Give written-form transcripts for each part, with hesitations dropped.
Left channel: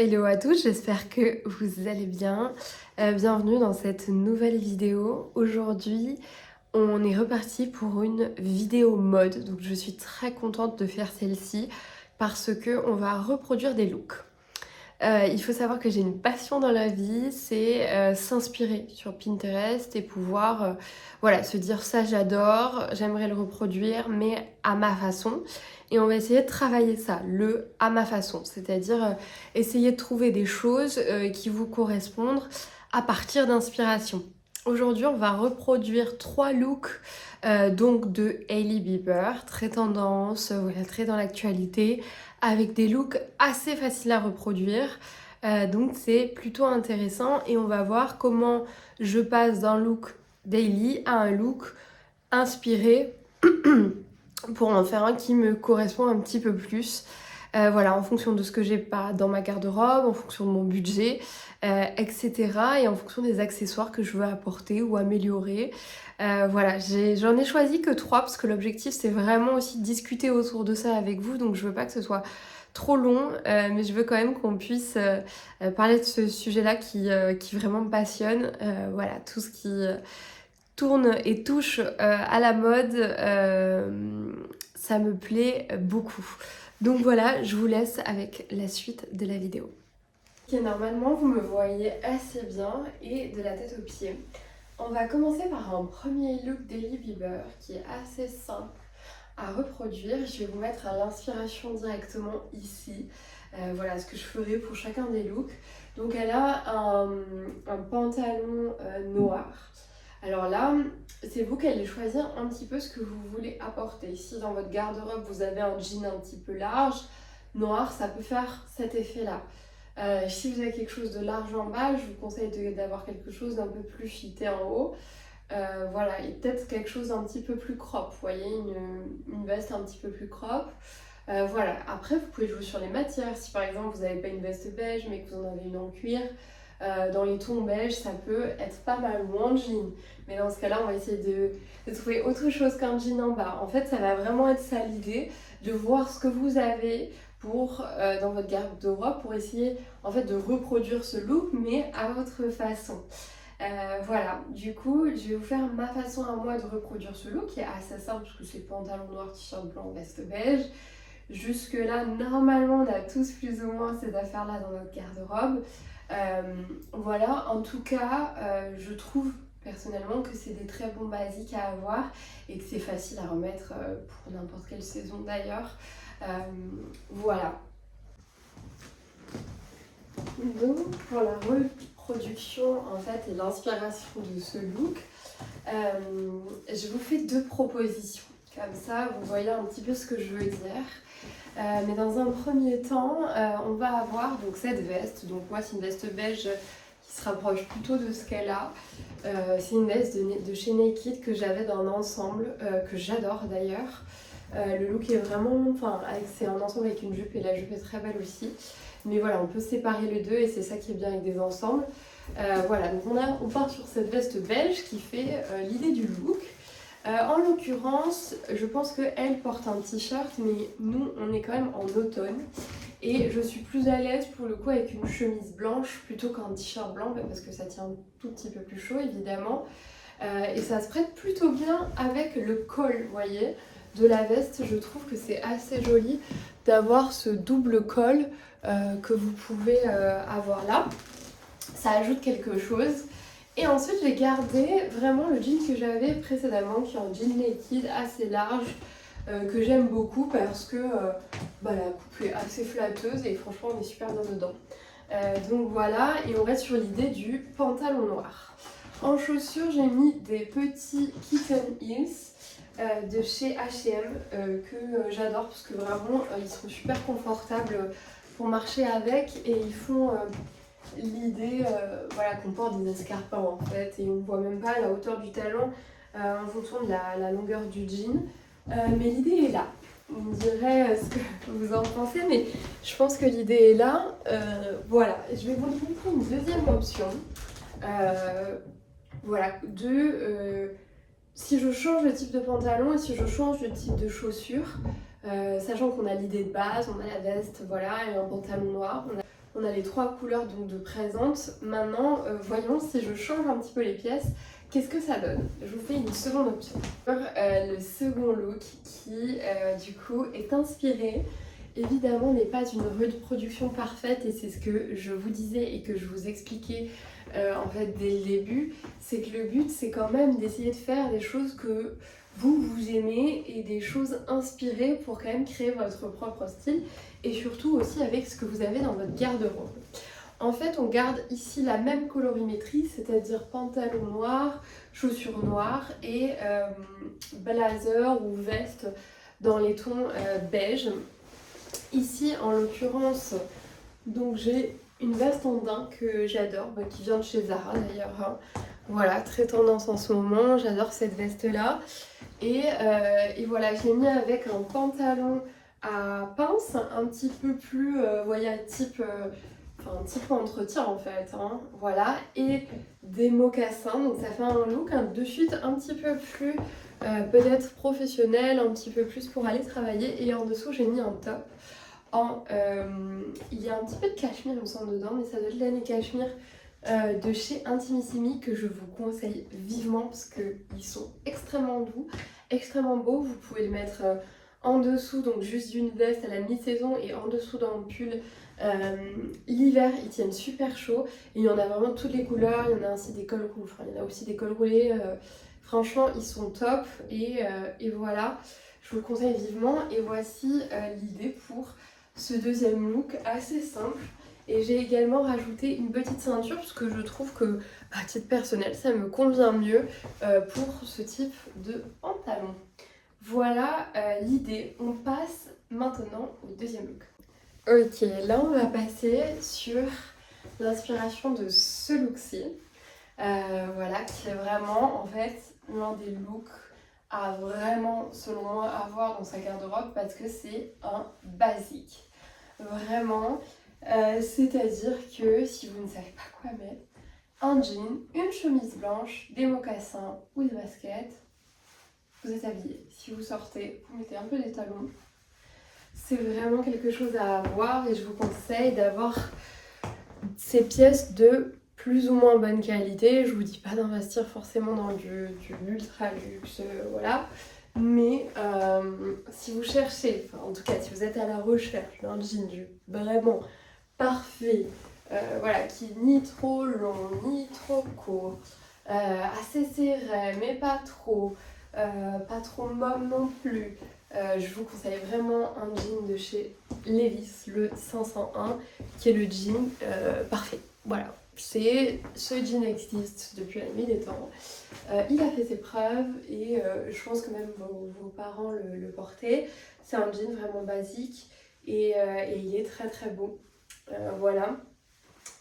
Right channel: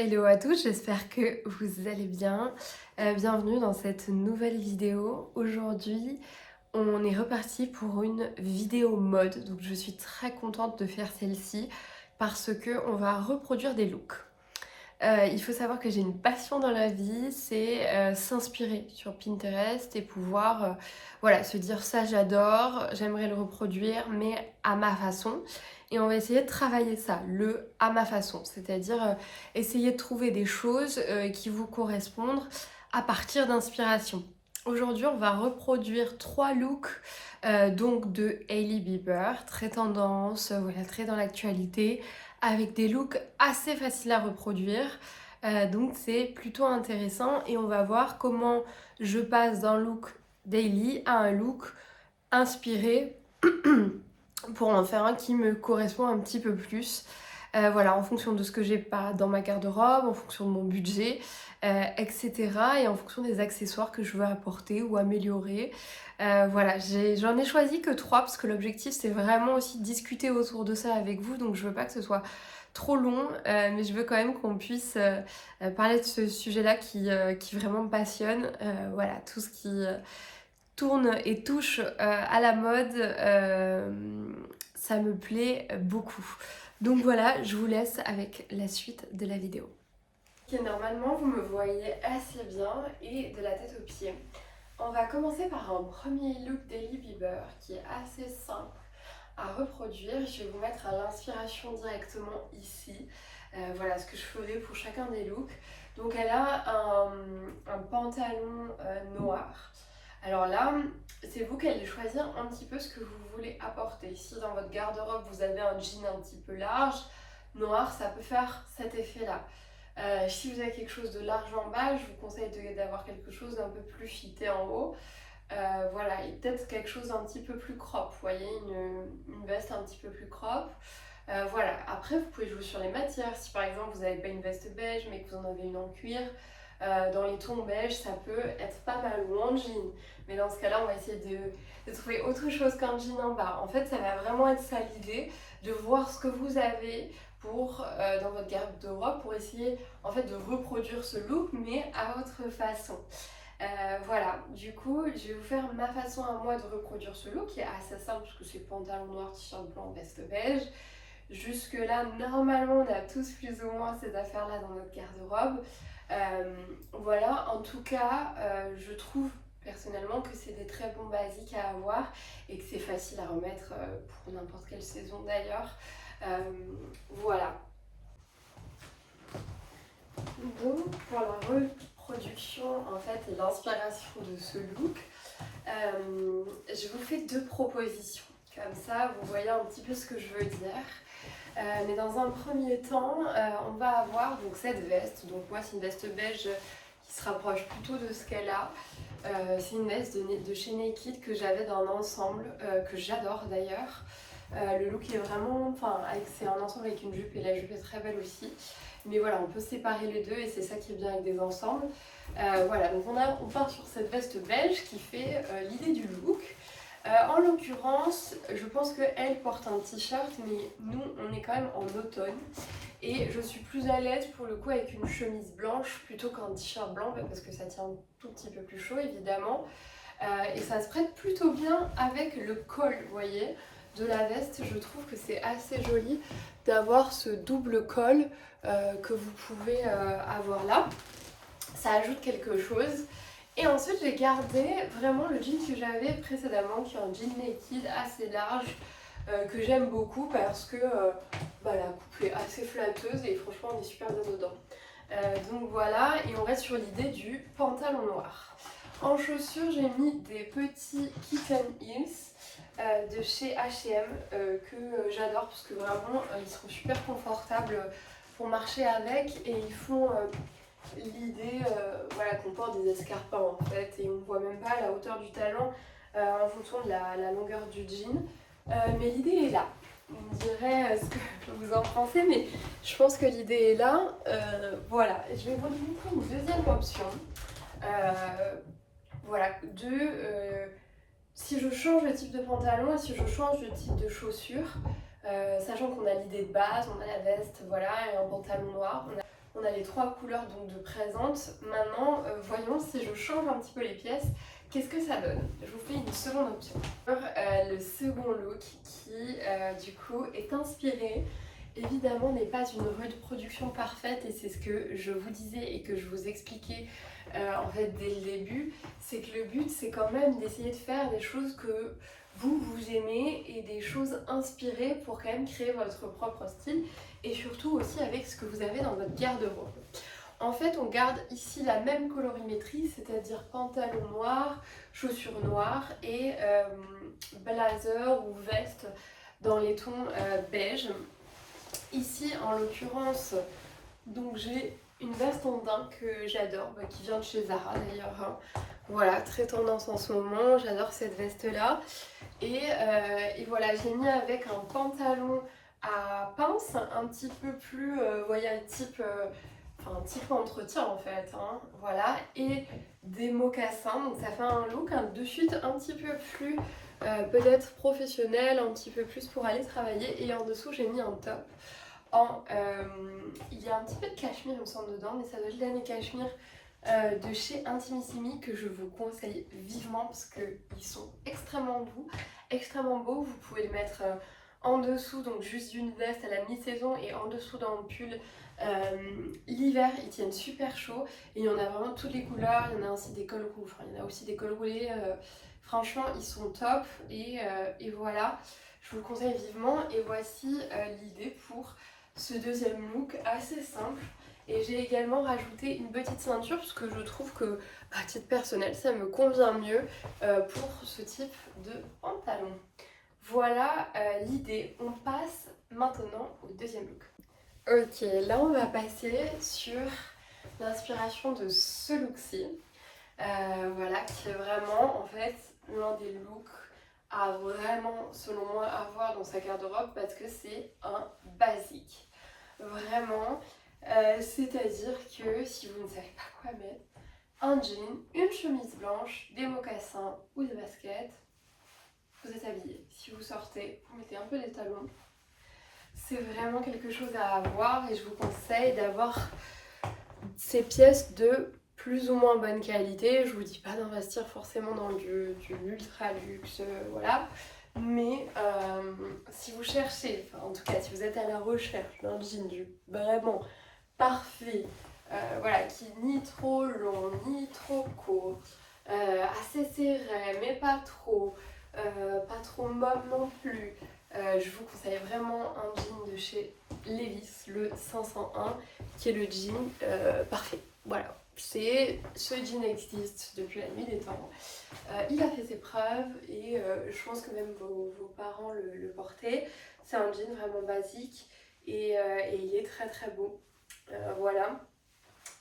Hello à tous, j'espère que vous allez bien. Bienvenue dans cette nouvelle vidéo. Aujourd'hui, on est reparti pour une vidéo mode. Donc je suis très contente de faire celle-ci parce que on va reproduire des looks. Il faut savoir que j'ai une passion dans la vie, c'est s'inspirer sur Pinterest et pouvoir voilà, se dire ça j'adore, j'aimerais le reproduire mais à ma façon. Et on va essayer de travailler ça, le à ma façon, c'est-à-dire essayer de trouver des choses qui vous correspondent à partir d'inspiration. Aujourd'hui, on va reproduire 3 looks donc de Hailey Bieber, très tendance, voilà, très dans l'actualité, avec des looks assez faciles à reproduire. Donc c'est plutôt intéressant et on va voir comment je passe d'un look daily à un look inspiré pour en faire un qui me correspond un petit peu plus. Voilà, en fonction de ce que j'ai pas dans ma garde-robe, en fonction de mon budget, etc. Et en fonction des accessoires que je veux apporter ou améliorer. Voilà, j'en ai choisi que 3 parce que l'objectif c'est vraiment aussi de discuter autour de ça avec vous. Donc je veux pas que ce soit trop long, mais je veux quand même qu'on puisse parler de ce sujet-là qui vraiment me passionne. Voilà, tout ce qui tourne et touche à la mode, ça me plaît beaucoup. Donc voilà, je vous laisse avec la suite de la vidéo. Ok, normalement vous me voyez assez bien et de la tête aux pieds. On va commencer par un premier look d'Hailey Bieber qui est assez simple à reproduire. Je vais vous mettre à l'inspiration directement ici. Voilà ce que je ferai pour chacun des looks. Donc elle a un pantalon noir. Alors là, c'est vous qui allez choisir un petit peu ce que vous voulez apporter. Si dans votre garde-robe vous avez un jean un petit peu large, noir, ça peut faire cet effet-là. Si vous avez quelque chose de large en bas, je vous conseille d'avoir quelque chose d'un peu plus fité en haut. Voilà, et peut-être quelque chose d'un petit peu plus crop, vous voyez, une veste un petit peu plus crop. Voilà, après vous pouvez jouer sur les matières. Si par exemple vous n'avez pas une veste beige mais que vous en avez une en cuir, dans les tons beige ça peut être pas mal, ou en jean. Mais dans ce cas-là, on va essayer de trouver autre chose qu'un jean en bas. En fait, ça va vraiment être ça l'idée, de voir ce que vous avez pour, dans votre garde-robe pour essayer en fait de reproduire ce look mais à votre façon. Voilà, du coup, je vais vous faire ma façon à moi de reproduire ce look qui est assez simple parce que c'est pantalon noir, t-shirt blanc, veste beige. Jusque là, normalement, on a tous plus ou moins ces affaires-là dans notre garde-robe. Voilà, en tout cas, je trouve personnellement que c'est des très bons basiques à avoir et que c'est facile à remettre pour n'importe quelle saison d'ailleurs. Voilà. Donc pour la reproduction en fait et l'inspiration de ce look, je vous fais 2 propositions. Comme ça, vous voyez un petit peu ce que je veux dire. Mais dans un premier temps, on va avoir donc cette veste. Donc moi, c'est une veste beige qui se rapproche plutôt de ce qu'elle a. C'est une veste de chez Naked que j'avais dans un ensemble que j'adore d'ailleurs. Le look est vraiment, enfin, c'est un ensemble avec une jupe et la jupe est très belle aussi. Mais voilà, on peut séparer les deux et c'est ça qui est bien avec des ensembles. Voilà, donc on part sur cette veste beige qui fait l'idée du look. En l'occurrence, je pense qu'elle porte un t-shirt, mais nous, on est quand même en automne. Et je suis plus à l'aise pour le coup avec une chemise blanche plutôt qu'un t-shirt blanc, parce que ça tient un tout petit peu plus chaud évidemment. Et ça se prête plutôt bien avec le col, vous voyez, de la veste. Je trouve que c'est assez joli d'avoir ce double col que vous pouvez avoir là. Ça ajoute quelque chose. Et ensuite, j'ai gardé vraiment le jean que j'avais précédemment, qui est un jean naked assez large, que j'aime beaucoup parce que la coupe est assez flatteuse et franchement, on est super bien dedans. Donc voilà, et on reste sur l'idée du pantalon noir. En chaussures, j'ai mis des petits Kitten Heels de chez H&M que j'adore parce que vraiment, ils sont super confortables pour marcher avec et ils font... l'idée voilà, qu'on porte des escarpins en fait et on ne voit même pas la hauteur du talon en fonction de la longueur du jean, mais l'idée est là. Vous me direz ce que vous en pensez, mais je pense que l'idée est là. Voilà, je vais vous montrer une deuxième option. Voilà, si je change le type de pantalon et si je change le type de chaussures, sachant qu'on a l'idée de base, on a la veste, voilà, et un pantalon noir, On a les 3 couleurs donc de présente. Maintenant, voyons si je change un petit peu les pièces, qu'est-ce que ça donne? Je vous fais une seconde option. Le second look qui, du coup, est inspiré, évidemment, n'est pas une reproduction parfaite et c'est ce que je vous disais et que je vous expliquais en fait dès le début. C'est que le but, c'est quand même d'essayer de faire des choses que vous aimez et des choses inspirées pour quand même créer votre propre style et surtout aussi avec ce que vous avez dans votre garde-robe. En fait, on garde ici la même colorimétrie, c'est-à-dire pantalon noir, chaussures noires et blazer ou veste dans les tons beige. Ici, en l'occurrence, donc j'ai une veste en daim que j'adore, qui vient de chez Zara d'ailleurs. Hein. Voilà, très tendance en ce moment, j'adore cette veste-là. Et voilà, j'ai mis avec un pantalon à pince, un petit peu plus, vous voyez, type entretien en fait, hein, voilà, et des mocassins, donc ça fait un look de suite un petit peu plus peut-être professionnel, un petit peu plus pour aller travailler, et en dessous j'ai mis un top. Il y a un petit peu de cachemire il me semble dedans, mais ça doit être l'année cachemire de chez Intimissimi que je vous conseille vivement parce qu'ils sont extrêmement doux, extrêmement beaux. Vous pouvez le mettre en dessous, donc juste d'une veste à la mi-saison et en dessous dans le pull. L'hiver, ils tiennent super chaud et il y en a vraiment toutes les couleurs. Il y en a aussi des cols roulés, enfin, il y en a aussi des cols roulés. Franchement, ils sont top et voilà, je vous le conseille vivement. Et voici l'idée pour ce deuxième look assez simple. Et j'ai également rajouté une petite ceinture parce que je trouve que, à titre personnel, ça me convient mieux pour ce type de pantalon. Voilà l'idée. On passe maintenant au deuxième look. Ok, là on va passer sur l'inspiration de ce look-ci. Voilà, qui est vraiment en fait l'un des looks à vraiment, selon moi, avoir dans sa garde-robe parce que c'est un basique. Vraiment. C'est-à-dire que si vous ne savez pas quoi mettre, un jean, une chemise blanche, des mocassins ou des baskets, vous êtes habillé. Si vous sortez, vous mettez un peu les talons. C'est vraiment quelque chose à avoir et je vous conseille d'avoir ces pièces de plus ou moins bonne qualité. Je vous dis pas d'investir forcément dans du ultra luxe, voilà. Mais si vous cherchez, enfin en tout cas si vous êtes à la recherche d'un jean vraiment parfait, voilà, qui est ni trop long, ni trop court, assez serré, mais pas trop molle non plus. Je vous conseille vraiment un jean de chez Levi's, le 501, qui est le jean parfait. Voilà, ce jean existe depuis la nuit des temps. Il a fait ses preuves et je pense que même vos parents le portaient. C'est un jean vraiment basique et il est très très beau. Voilà,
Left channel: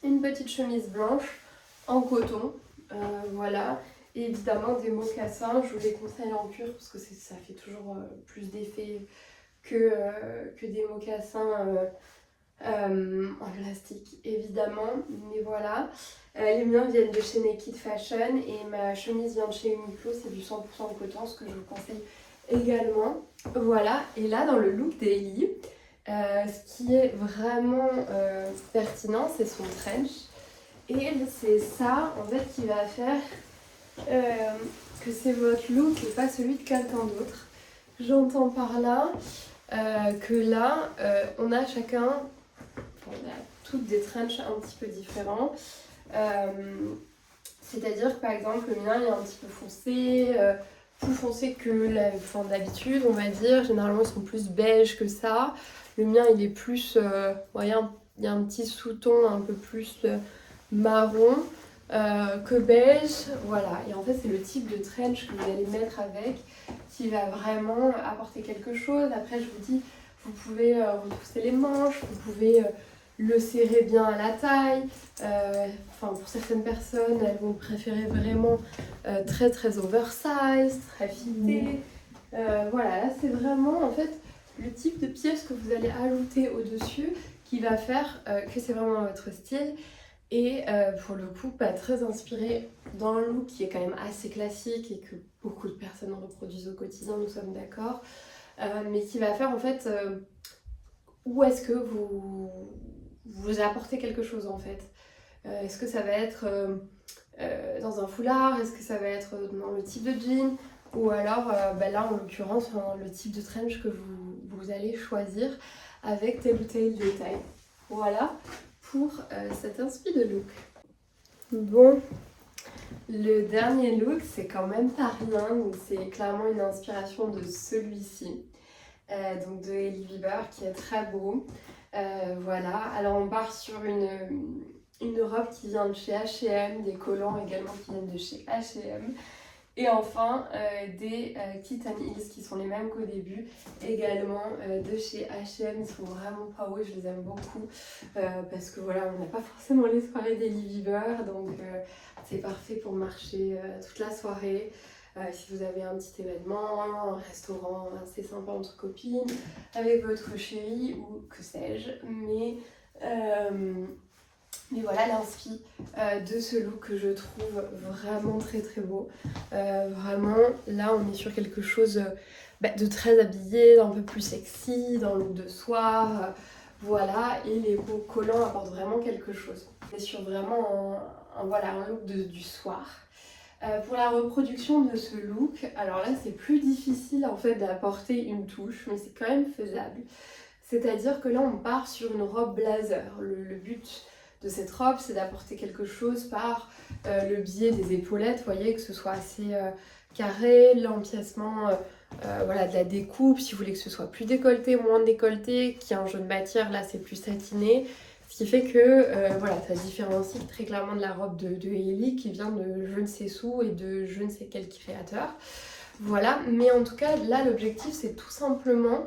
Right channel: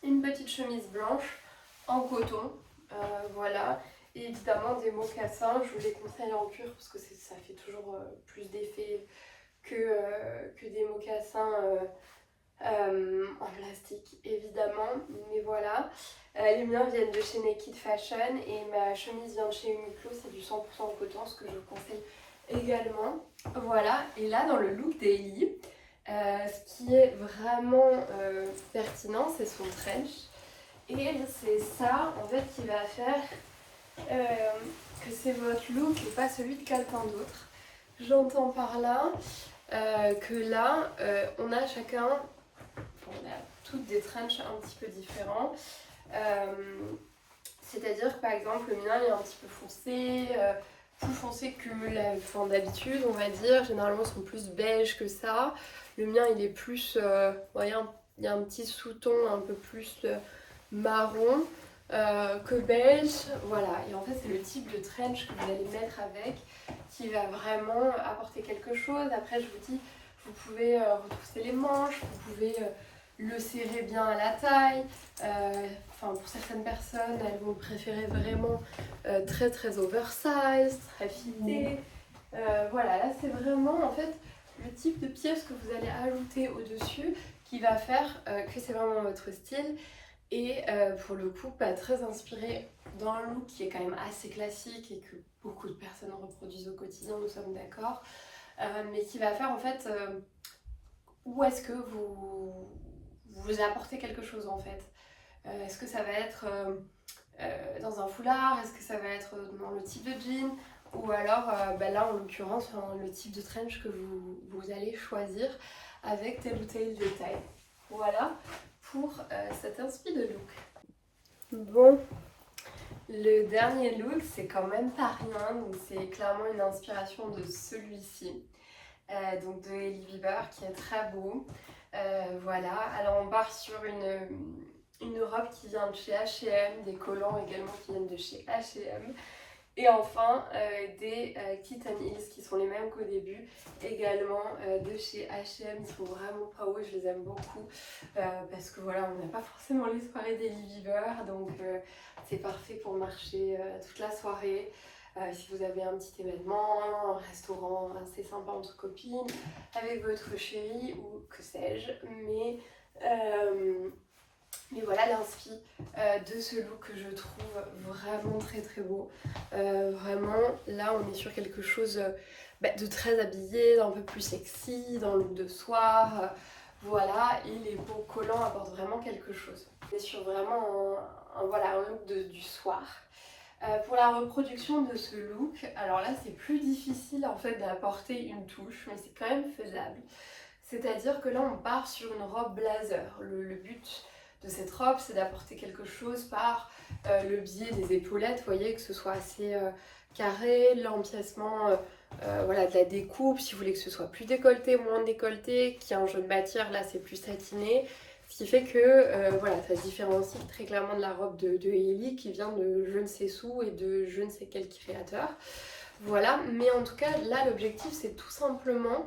une petite chemise blanche en coton, voilà, et évidemment des mocassins. Je vous les conseille en cuir parce que ça fait toujours plus d'effet que des mocassins en plastique évidemment, mais voilà. Les miens viennent de chez Naked Fashion et ma chemise vient de chez Uniqlo, c'est du 100% en coton, ce que je vous conseille également. Voilà, et là dans le look daily, ce qui est vraiment pertinent, c'est son trench. Et c'est ça en fait qui va faire que c'est votre look et pas celui de quelqu'un d'autre. J'entends par là que là, on a chacun, on a toutes des trenches un petit peu différents. C'est-à-dire que par exemple, le mien il est un petit peu foncé, plus foncé que d'habitude, on va dire. Généralement, ils sont plus beige que ça. Le mien, il est plus, il y a un petit sous-ton un peu plus marron que beige. Voilà, et en fait, c'est le type de trench que vous allez mettre avec qui va vraiment apporter quelque chose. Après, je vous dis, vous pouvez retrousser les manches, vous pouvez le serrer bien à la taille. Pour certaines personnes, elles vont préférer vraiment très très oversize, très fitté. Voilà, là c'est vraiment en fait le type de pièce que vous allez ajouter au-dessus qui va faire que c'est vraiment votre style. Et pour le coup, pas très inspiré dans un look qui est quand même assez classique et que beaucoup de personnes reproduisent au quotidien, nous sommes d'accord. Mais qui va faire en fait où est-ce que vous vous apporter quelque chose en fait. Est-ce que ça va être dans un foulard? Est-ce que ça va être dans le type de jean? Ou alors, là en l'occurrence, le type de trench que vous allez choisir avec tel ou tel détail. Voilà pour cet inspi de look. Bon, le dernier look, c'est quand même pas rien, donc c'est clairement une inspiration de celui-ci, donc de Hailey Bieber, qui est très beau. Voilà, alors on part sur une robe qui vient de chez H&M, des collants également qui viennent de chez H&M. Et enfin, des Kitten Heels qui sont les mêmes qu'au début, également de chez H&M. Ils sont vraiment pas hauts et je les aime beaucoup parce que voilà, on n'a pas forcément les soirées d'Hailey Bieber, donc c'est parfait pour marcher toute la soirée. Si vous avez un petit événement, un restaurant assez sympa entre copines, avec votre chéri ou que sais-je, mais voilà l'inspi de ce look que je trouve vraiment très très beau. Vraiment, là on est sur quelque chose de très habillé, d'un peu plus sexy, dans le look de soir. Voilà, et les beaux collants apportent vraiment quelque chose. On est sur vraiment un look du soir. Pour la reproduction de ce look, alors là c'est plus difficile en fait d'apporter une touche, mais c'est quand même faisable. C'est-à-dire que là on part sur une robe blazer. Le but de cette robe, c'est d'apporter quelque chose par le biais des épaulettes, vous voyez, que ce soit assez carré, l'empiècement de la découpe, si vous voulez que ce soit plus décolleté, moins décolleté, qu'il y a un jeu de matière, là c'est plus satiné, ce qui fait que ça se différencie très clairement de la robe de Hailey qui vient de je ne sais où et de je ne sais quel créateur. Voilà, mais en tout cas là l'objectif c'est tout simplement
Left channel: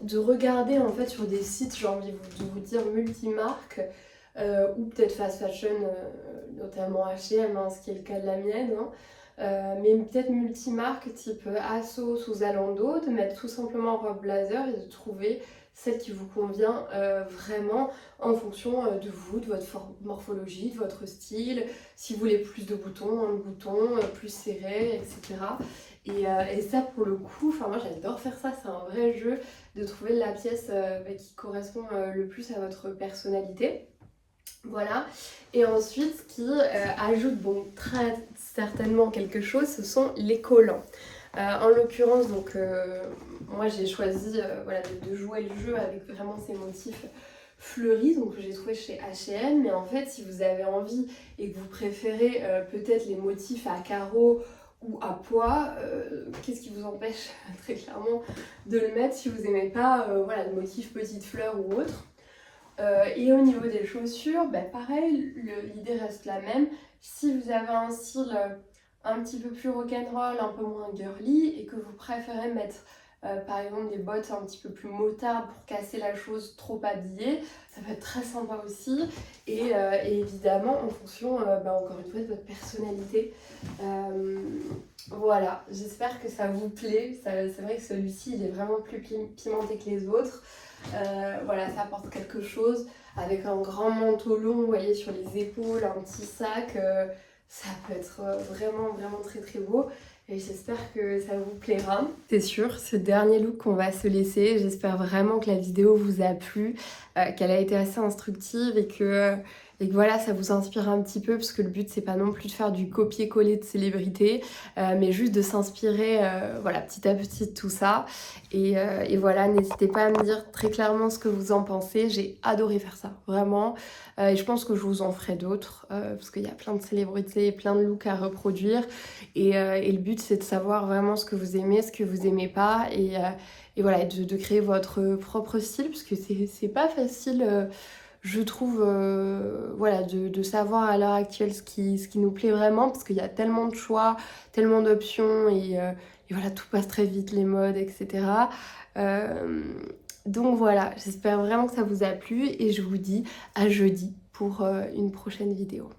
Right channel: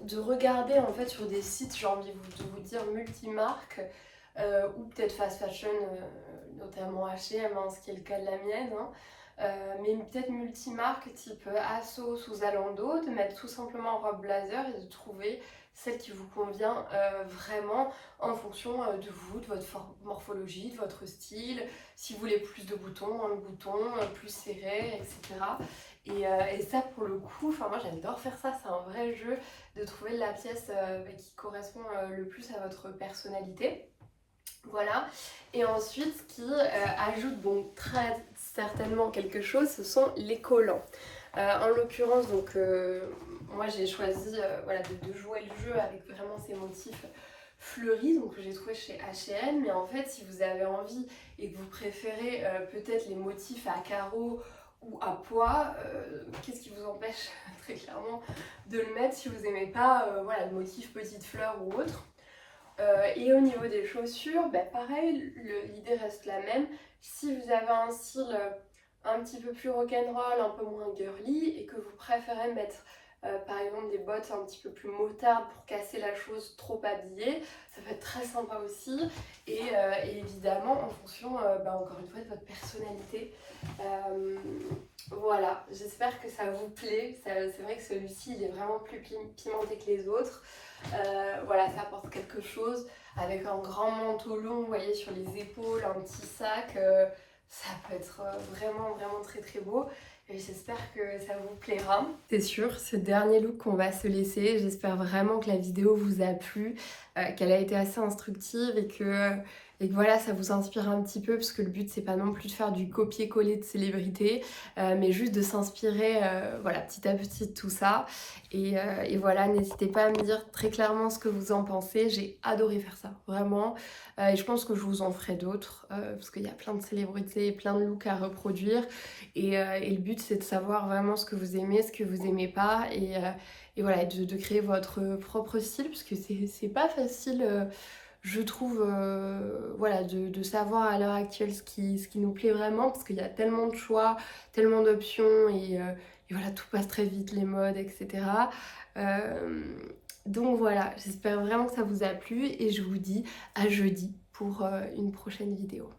de regarder en fait sur des sites, j'ai envie de vous dire multimarques ou peut-être fast fashion, notamment H&M, ce qui est le cas de la mienne, mais peut-être multimarques type ASOS ou Zalando, de mettre tout simplement robe blazer et de trouver celle qui vous convient vraiment en fonction de vous, de votre morphologie, de votre style, si vous voulez plus de boutons, moins de boutons, plus serré, etc. Et ça pour le coup, moi j'adore faire ça, c'est un vrai jeu de trouver la pièce qui correspond le plus à votre personnalité. Voilà, et ensuite ce qui ajoute très certainement quelque chose, ce sont les collants. En l'occurrence, moi j'ai choisi de jouer le jeu avec vraiment ces motifs fleuris, donc que j'ai trouvé chez H&M, mais en fait si vous avez envie et que vous préférez peut-être les motifs à carreaux ou à pois, qu'est-ce qui vous empêche très clairement de le mettre si vous n'aimez pas le motif petite fleur ou autre. Et au niveau des chaussures, pareil, l'idée reste la même. Si vous avez un style un petit peu plus rock'n'roll, un peu moins girly, et que vous préférez mettre par exemple des bottes un petit peu plus motardes pour casser la chose trop habillée, ça peut être très sympa aussi. Et évidemment en fonction, encore une fois, de votre personnalité. Voilà, j'espère que ça vous plaît. C'est vrai que celui-ci, il est vraiment plus pimenté que les autres. Ça apporte quelque chose avec un grand manteau long, vous voyez, sur les épaules, un petit sac. Ça peut être vraiment très très beau. Et j'espère que ça vous plaira. C'est sûr, ce dernier look qu'on va se laisser, j'espère vraiment que la vidéo vous a plu, qu'elle a été assez instructive et que voilà, ça vous inspire un petit peu, parce que le but c'est pas non plus de faire du copier-coller de célébrités, mais juste de s'inspirer petit à petit de tout ça. Et voilà, n'hésitez pas à me dire très clairement ce que vous en pensez. J'ai adoré faire ça, vraiment. Et je pense que je vous en ferai d'autres, parce qu'il y a plein de célébrités, plein de looks à reproduire. Et le but c'est de savoir vraiment ce que vous aimez, ce que vous aimez pas, et voilà, de créer votre propre style, parce que c'est pas facile, je trouve, de savoir à l'heure actuelle ce qui nous plaît vraiment, parce qu'il y a tellement de choix, tellement d'options, et voilà, tout passe très vite, les modes, etc. Donc voilà, j'espère vraiment que ça vous a plu, et je vous dis à jeudi pour une prochaine vidéo.